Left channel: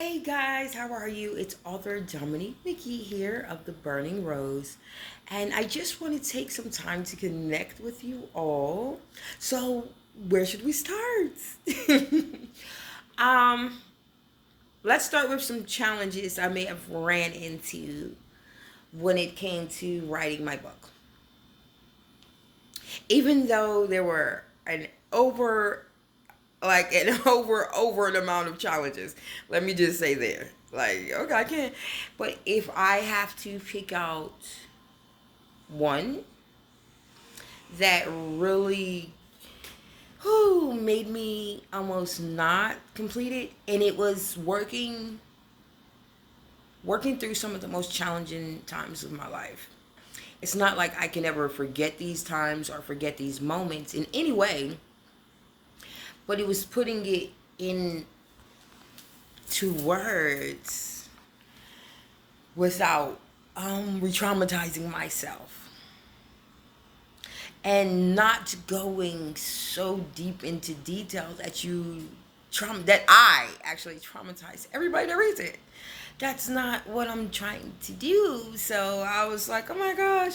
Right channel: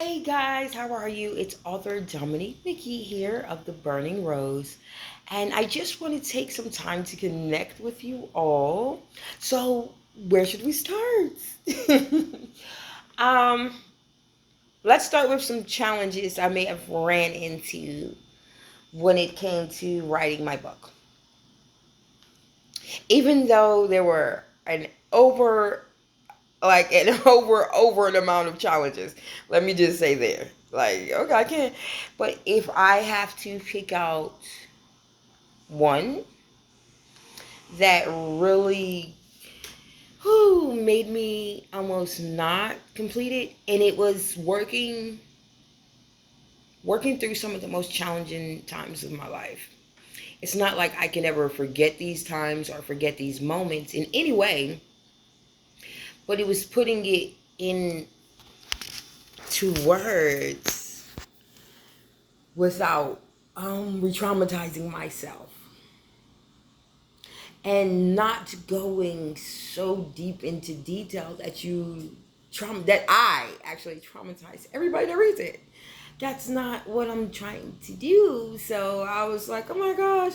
Hey guys, how are you? It's author Dominique McGee here of The Burning Rose, and I just want to take some time to connect with you all. So, where should we start? um, let's start with some challenges I may have ran into when it came to writing my book. Even though there were an amount of challenges. Let me just say there. Like, okay, I can't. But if I have to pick out one that really made me almost not complete it, and it was working through some of the most challenging times of my life. It's not like I can ever forget these times or forget these moments in any way, but it was putting it into words without re-traumatizing myself and not going so deep into detail that I actually traumatize everybody that reads it. That's not what I'm trying to do. So I was like, oh my gosh.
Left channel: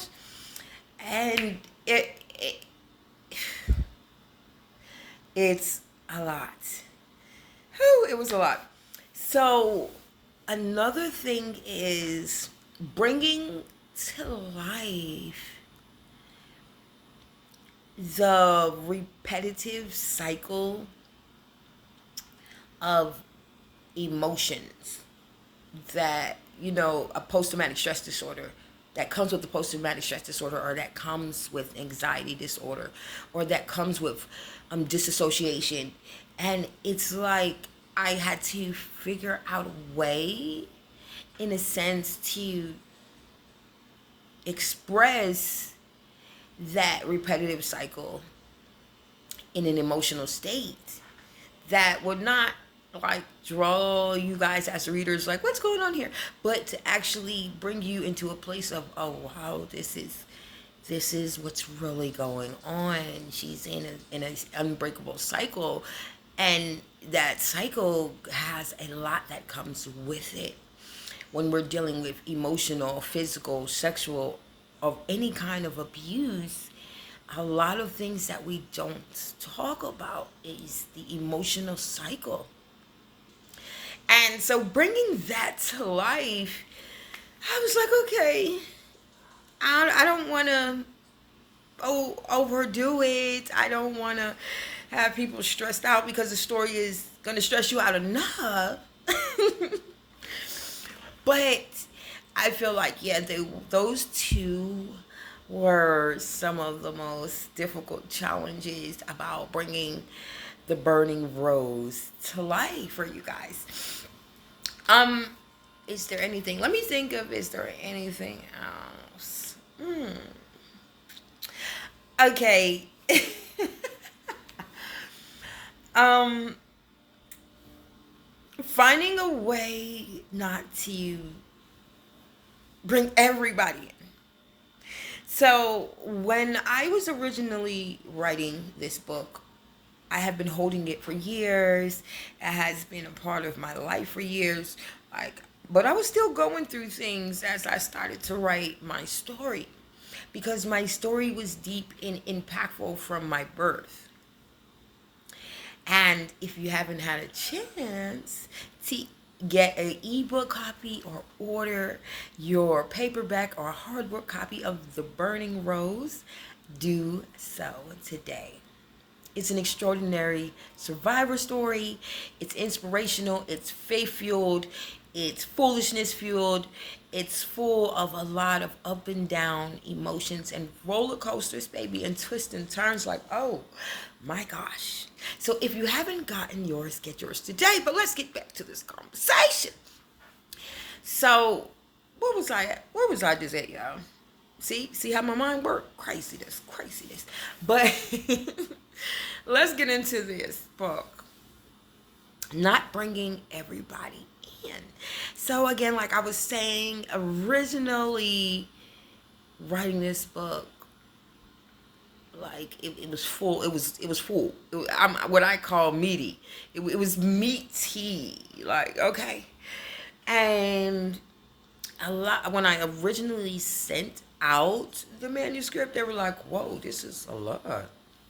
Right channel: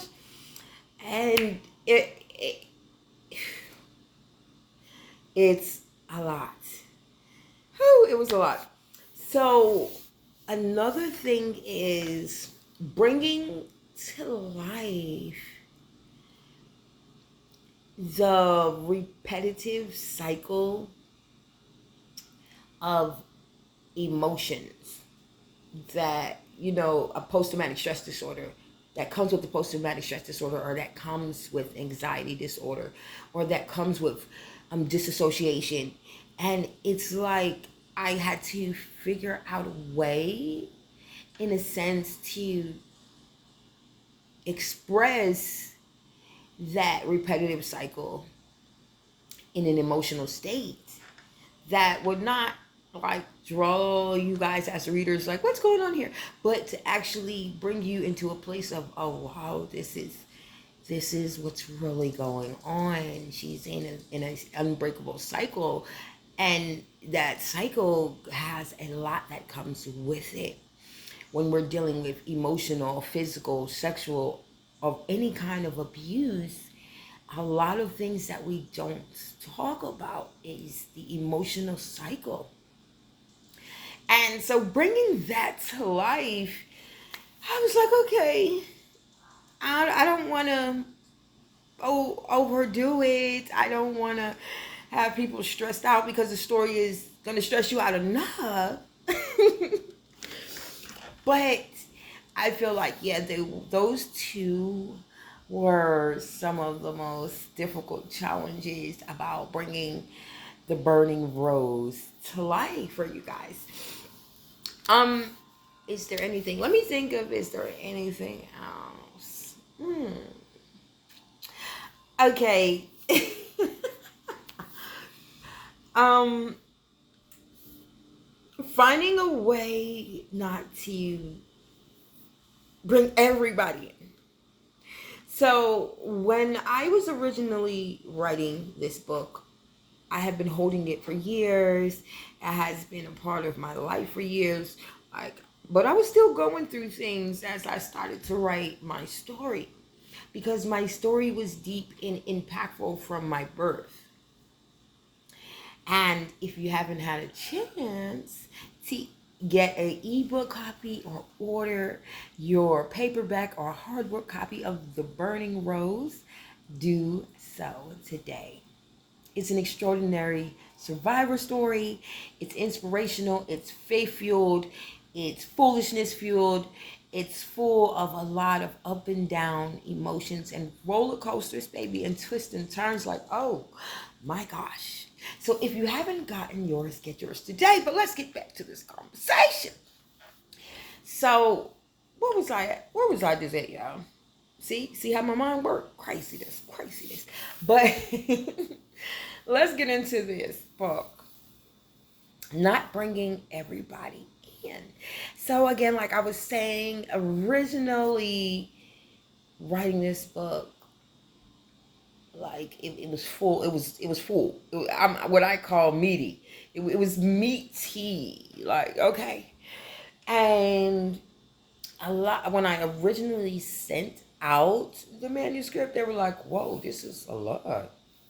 And it's a lot. Whew, it was a lot. So another thing is bringing to life the repetitive cycle of emotions that, a post-traumatic stress disorder that comes with the post-traumatic stress disorder, or that comes with anxiety disorder, or that comes with disassociation. And it's like I had to figure out a way, in a sense, to express that repetitive cycle in an emotional state that would not like draw you guys as readers like what's going on here, but to actually bring you into a place of, oh wow, this is what's really going on. She's in a unbreakable cycle, and that cycle has a lot that comes with it when we're dealing with emotional, physical, sexual, of any kind of abuse. A lot of things that we don't talk about is the emotional cycle. And so bringing that to life, I was like, okay, I don't want to overdo it. I don't want to have people stressed out because the story is going to stress you out enough. But I feel like, yeah, those two were some of the most difficult challenges about bringing the burning rose to life for you guys. Um, is there anything? Let me think of. Is there anything else? Okay. um, Finding a way not to bring everybody in. So when I was originally writing this book, I have been holding it for years. It has been a part of my life for years. But I was still going through things as I started to write my story, because my story was deep and impactful from my birth. And if you haven't had a chance to get an ebook copy or order your paperback or hardbook copy of The Burning Rose, do so today. It's an extraordinary survivor story. It's inspirational. It's faith fueled. It's foolishness fueled. It's full of a lot of up and down emotions and roller coasters, baby, and twists and turns like, oh my gosh. So if you haven't gotten yours, get yours today. But let's get back to this conversation. So, what was I at? Where was I just at, y'all? See how my mind works? Craziness. But let's get into this book. Not bringing everybody in. So again, like I was saying, originally writing this book, like it was full. It was full. I'm what I call meaty. It was meaty. Like, okay. And a lot when I originally sent out the manuscript, they were like, "Whoa, this is a lot,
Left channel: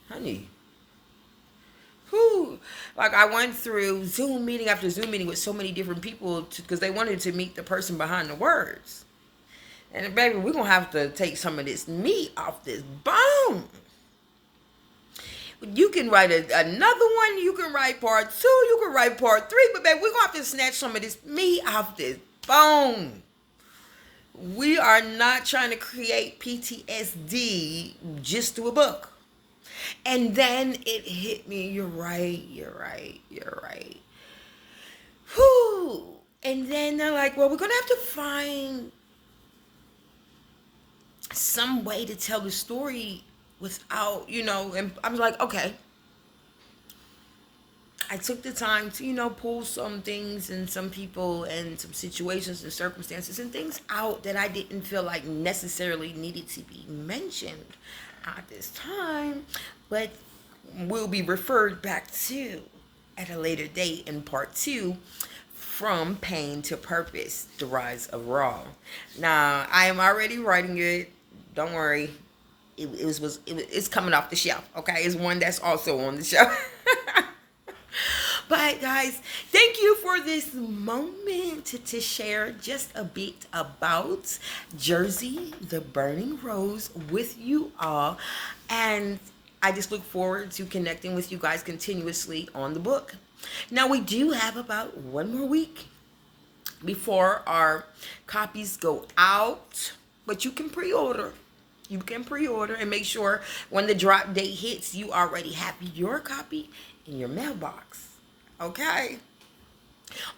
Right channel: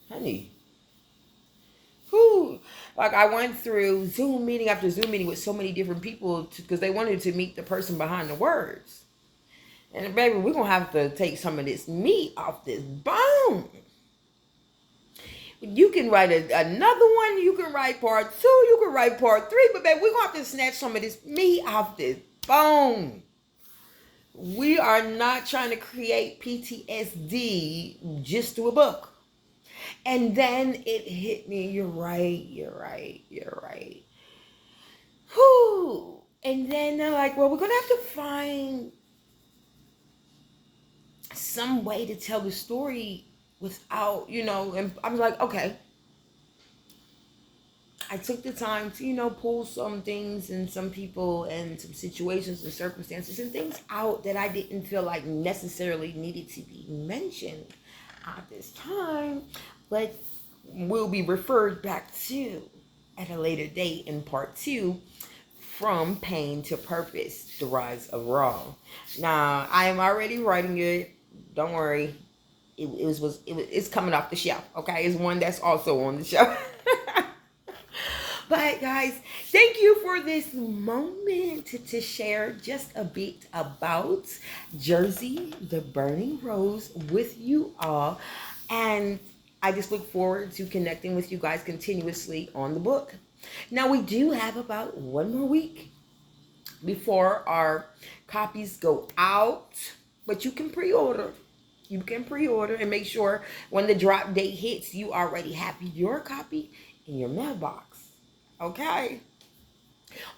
honey." Whew. Like I went through Zoom meeting after Zoom meeting with so many different people because they wanted to meet the person behind the words. And baby, we're gonna have to take some of this meat off this bone. You can write another one. You can write part 2. You can write part 3. But baby, we're gonna have to snatch some of this meat off this bone. We are not trying to create PTSD just through a book. And then it hit me. You're right. You're right. You're right. Whew. And then they're like, well, we're going to have to find some way to tell the story without, and I was like, okay. I took the time to, pull some things and some people and some situations and circumstances and things out that I didn't feel like necessarily needed to be mentioned at this time, but will be referred back to at a later date in part 2, From Pain to Purpose, The Rise of Wrong. Now, I am already writing it. Don't worry. It's coming off the shelf, okay? It's one that's also on the shelf. But guys, thank you for this moment to share just a bit about Jersey, the Burning Rose with you all. And I just look forward to connecting with you guys continuously on the book. Now, we do have about 1 more week before our copies go out, but you can pre-order. You can pre-order and make sure when the drop date hits, you already have your copy in your mailbox. Okay?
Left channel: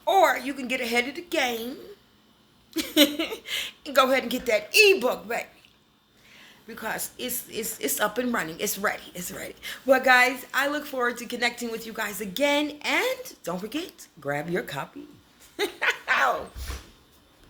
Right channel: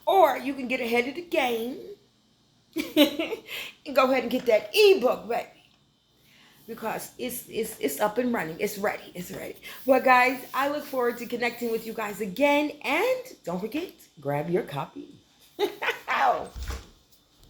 Or you can get ahead of the game and go ahead and get that ebook, baby. Because it's up and running. It's ready. It's ready. Well, guys, I look forward to connecting with you guys again. And don't forget, grab your copy.